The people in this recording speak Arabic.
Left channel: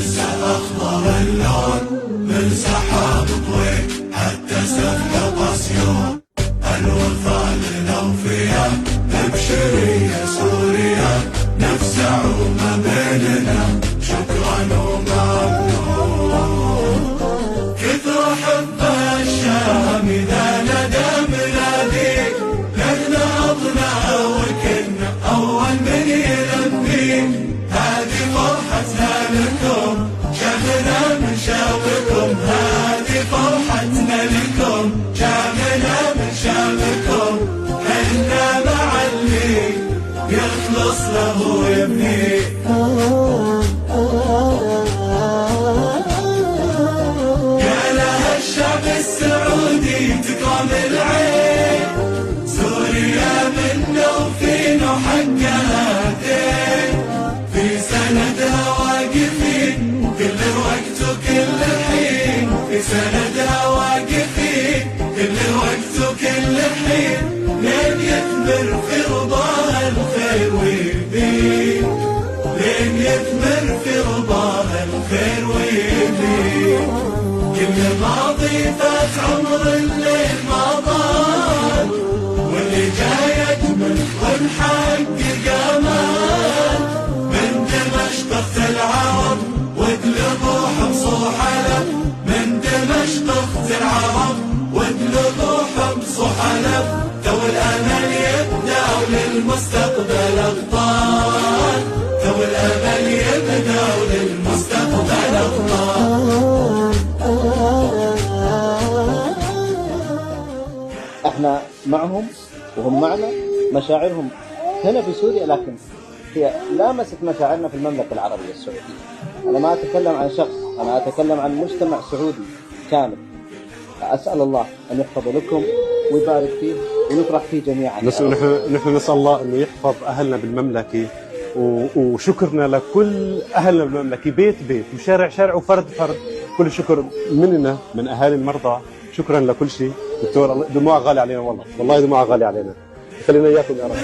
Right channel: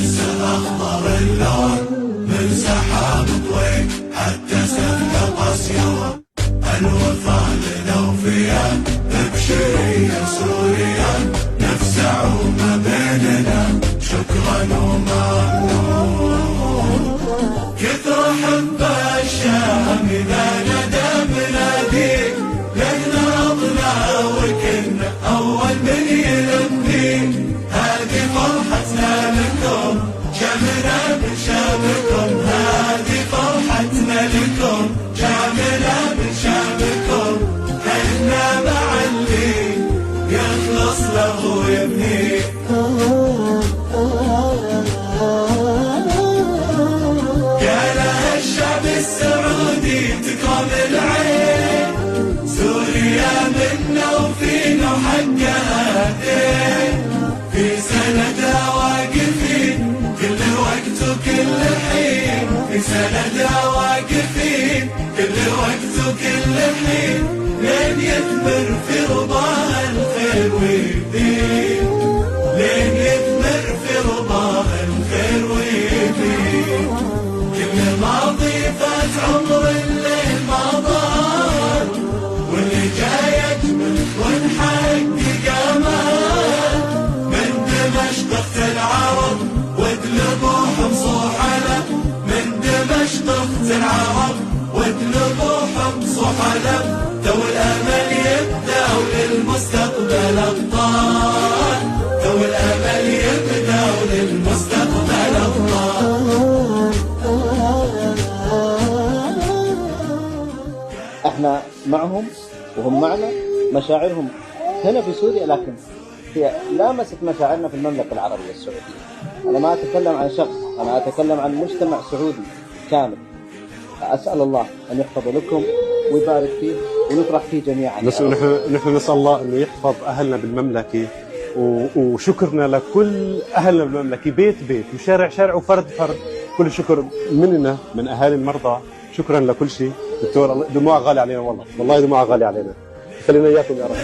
ننسى أخضر اللون، ننسى حرب الضيق حتى سفك الأسيون. الوفاء للأوفياء نبشرية سوريا، نسعون بيننا شكرا وممنون. كثر حب الشام إذا ندى بناديك، لنا أضنا وكنا أول من يلبيك. هذه فرحتنا لكم شمنا من شامكم، هذه فرحتنا لكم شمنا من شامكم. احنا مع اللي يخلص له ويبنيه. يا الشعب السعودي تكرم العين، سوريا منا وفينا وحقها هدين. في سنة واقفين كل وقت وكل حين، في سنة واقفين كل وقت وكل حين. لين يكبر في رضا الخير ويبين، لين يكبر في رضا الخير ويبين. كل الماضي فات عمر الليل ما طال، واللي جاي يكبر ونحقق امال. من دمشق العرب واقلبوا صحلك، من دمشق العرب واقلبوا صحلك. لو الامل يبدا وللمستقبل ابطال، لو الامل يبدا وللمستقبل ابطال. احنا معهم وهم معنا، مشاعرهم هنا في سوريا لكن هي لامست مشاعرنا في المملكة العربية السعودية. أنا ما أتكلم عن شخص، أنا أتكلم عن مجتمع سعودي كامل. أسأل الله أن يحفظ لكم ويبارك فيه ونفرح فيه جميعا. نحن نسأل الله أنه يحفظ أهلنا بالمملكة، وشكرنا لكل أهلنا بالمملكة بيت بيت وشارع شارع وفرد فرد. كل شكر مننا من أهالي المرضى، شكرا لكل شيء. دكتور دموع غالي علينا، والله دموع غالي علينا. خلينا إياكم يا رب.